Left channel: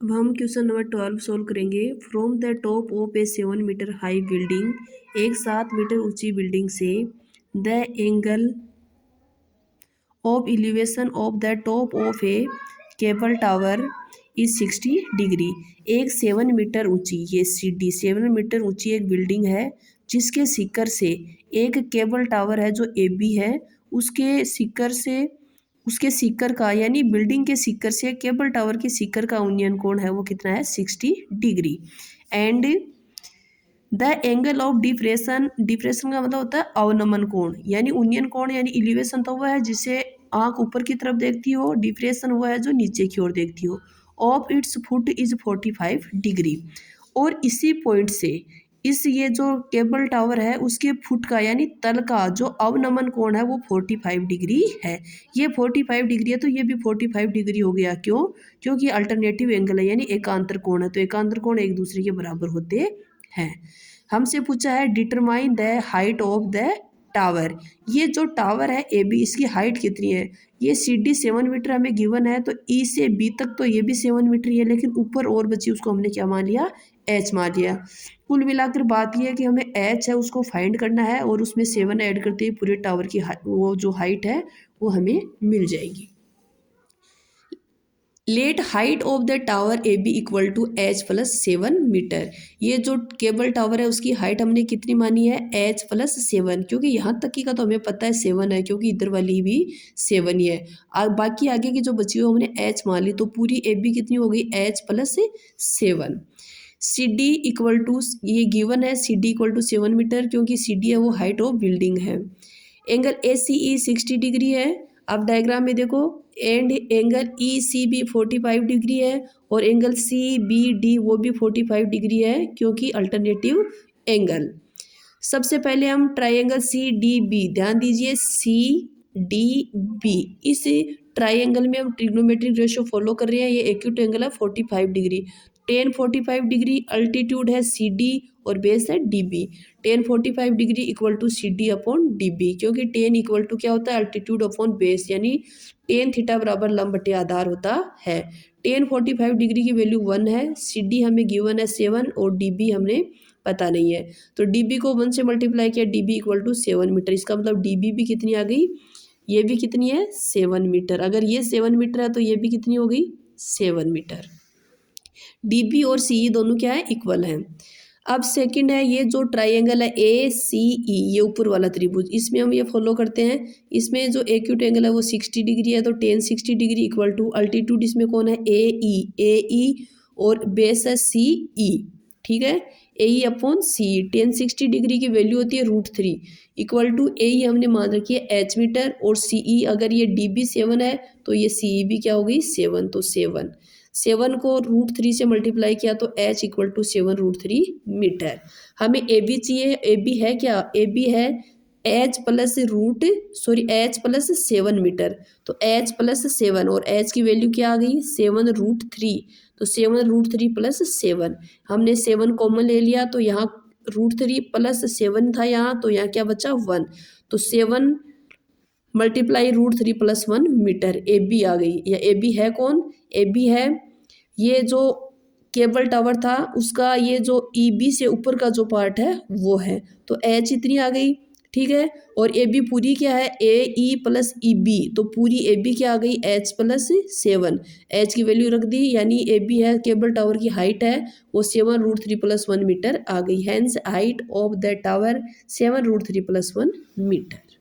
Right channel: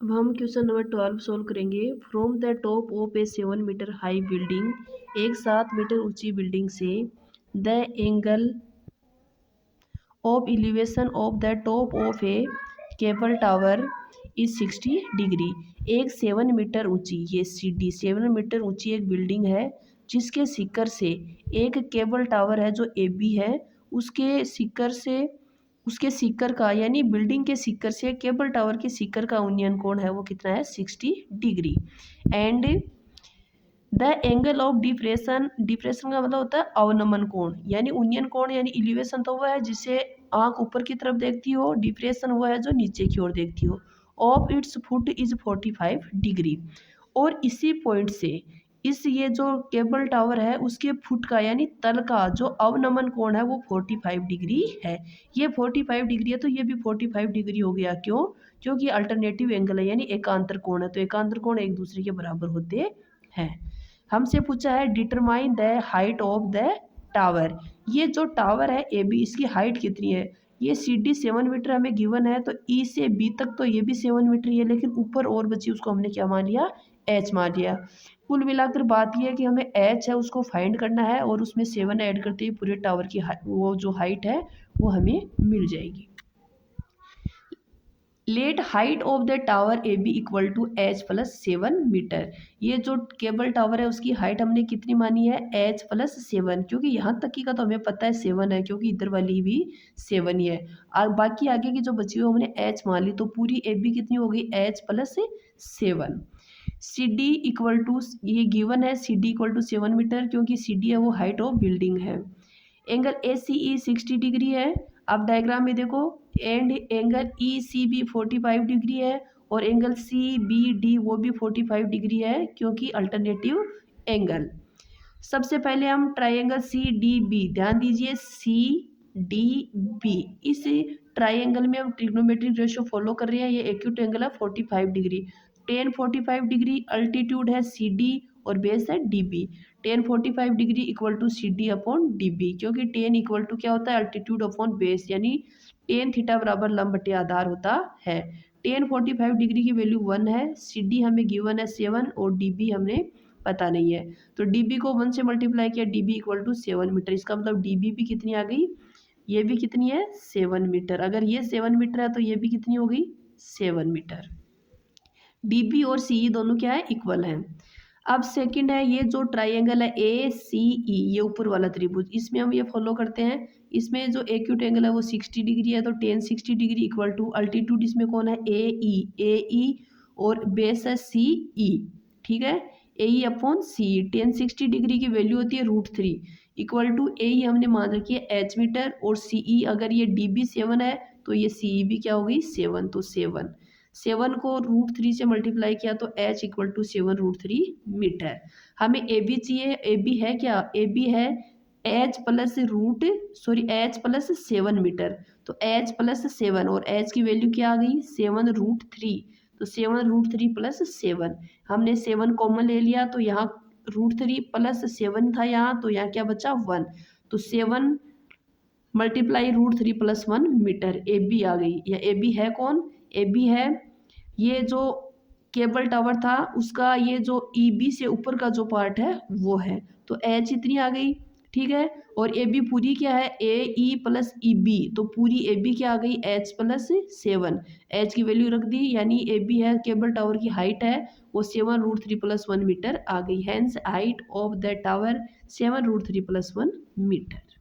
अब हम question number 12 solve करेंगे। From the top of a 7 metre high building, एक 7 मीटर ऊंची बिल्डिंग से the angle of elevation of the top of a cable tower is 60 degree. एक 7 metre ऊंची, ये सीढ़ी 7 मीटर ऊंची एक बिल्डिंग है जिसके शिखर से एक केबल टावर है जो ए बी है, उसके शिखर से, उसके शिखर का यानी बिल्डिंग के शिखर से केबल टावर के शिखर का उन्नयन कोण है वो कितना है 60 degree. And the angle of depression, depression का मतलब होता है अवनमन कोण, यानी उन्नयन कोण यानी इलिवेशन तो वह है जिसे आंख ऊपर की तरफ देखती हो, डिप्रेशन वह है जो नीचे की ओर देखती हो। Of its foot is 45 degree. और इसी पॉइंट से इस ये जो केबल टावर है उसके फुट का यानी तल का जो अवनमन कोण है वो 45 डिग्री है। ये 45 डिग्री है तो ये भी 45 डिग्री हो गया। क्यों? क्योंकि अल्टरनेटिव एंगल है यानी एकांतर कोण है, तो एकांतर कोण एक दूसरे के बराबर होते हैं। हमसे पूछा है determine the height of the tower. ये जो टावर है ए बी इसकी हाइट कितनी है? ये सी डी 7 मीटर हमें गिवन है, तो ई से बी तक तो ये भी 7 मीटर ही है, लेकिन ऊपर और बची उसको हमने क्या मान लिया? एच मान लिया। कुल मिलाकर बात यह है कि हमें एच है उसको फाइंड करना है और उसमें 7 ऐड करते ही पूरे टावर की वो जो हाइट है वो हमें मिल जाएगी। Let height of the tower A B equal to H plus 7 metre. ये जो केबल टावर है उसकी हाइट हमने कितनी मानी है? एच प्लस 7, क्योंकि यहाँ तक की का तो हमें पता है 7 है क्योंकि इधर वाली भी 7 ही है। बाकी आगे की जो बची हुई हमने एच मान ली, तो पूरी ए बी कितनी हो गई? H plus 7। C D equal to, ये गिवन है C D equal to 7 metre क्योंकि सी डी है वो हाइट ऑफ बिल्डिंग है। Angle A C E 60 degree है। अब डायग्राम में देखो, and angle E C B 45 degree है और एंगल सी बी डी वो भी 45 डिग्री है क्योंकि अल्टरनेटिव एंगल। सबसे पहले हम ट्राइंगल सी डी बी, ध्यान दीजिए सी डी बी, इस ट्राइंगल में हम ट्रिग्नोमेट्रिक रेशियो फॉलो कर रहे हैं। ये एक्यूट एंगल है 45 डिग्री। टेन 45 डिग्री अल्टीट्यूड है सी डी और बेस है D B. Tan 45 degree equal to C D upon D B, क्योंकि टेन इक्वल टू क्या होता है? अल्टीट्यूड अपॉन बेस, यानी टेन थीटा बराबर लंब बटे आधार होता है। टेन 45 डिग्री की वैल्यू 1 है, सी डी हमें गिवन है 7 और डी बी हमने पता नहीं है, तो डी बी को 1 से मल्टीप्लाई किया, D B equal to 7 metre. इसका मतलब डी बी भी कितनी आ गई? ये भी कितनी है? 7 मीटर। अगर ये 7 मीटर है तो ये भी कितनी हो गई? 7 मीटर। डी बी और सी ई दोनों क्या है? इक्वल हैं। अब सेकंड है ये जो ट्राइंगल है ए सी ई, ये ऊपर वाला त्रिभुज, इसमें हम ये फॉलो करते हैं। इसमें जो एक्यूट एंगल है वो 60 डिग्री है, तो tan 60 degree equal to altitude इसमें कौन है? ए ई और बेस है सी ई, ठीक है, ए ई अपॉन सी ई। टेन 60 डिग्री की वैल्यू होती है √3 इक्वल टू ए ई हमने मान रखी है एच मीटर और सी ई, अगर ये डी बी 7 है तो ये सी ई भी क्या हो गई? 7, तो 7 को √3 से मल्टीप्लाई किया तो एच इक्वल टू 7√3 मीटर। हमें ए बी चाहिए, ए बी है क्या? ए बी है H plus H plus 7 metre, तो एच प्लस 7 और एच की वैल्यू क्या आ गई? 7√3, तो 7√3 प्लस 7, हमने 7 कॉमन ले लिया तो यहाँ √3 प्लस 7 था यहाँ, तो यहाँ क्या बचा? 1, तो 7 multiply √3 plus 1 metre. A B आ गई, या ए बी है कौन? ए बी है ये जो केबल टावर था उसका ये जो ई बी से ऊपर का जो पार्ट है वो है, तो एच इतनी आ गई, ठीक है। और ए बी पूरी क्या है? ए ई प्लस ई बी, तो पूरी ए बी क्या आ गई? एच प्लस 7, एच की वैल्यू रख दी, यानी ए बी है केबल टावर की हाइट है वो 7√3 प्लस 1 मीटर आ गई। Hence height of the tower 7√3 plus 1 metre.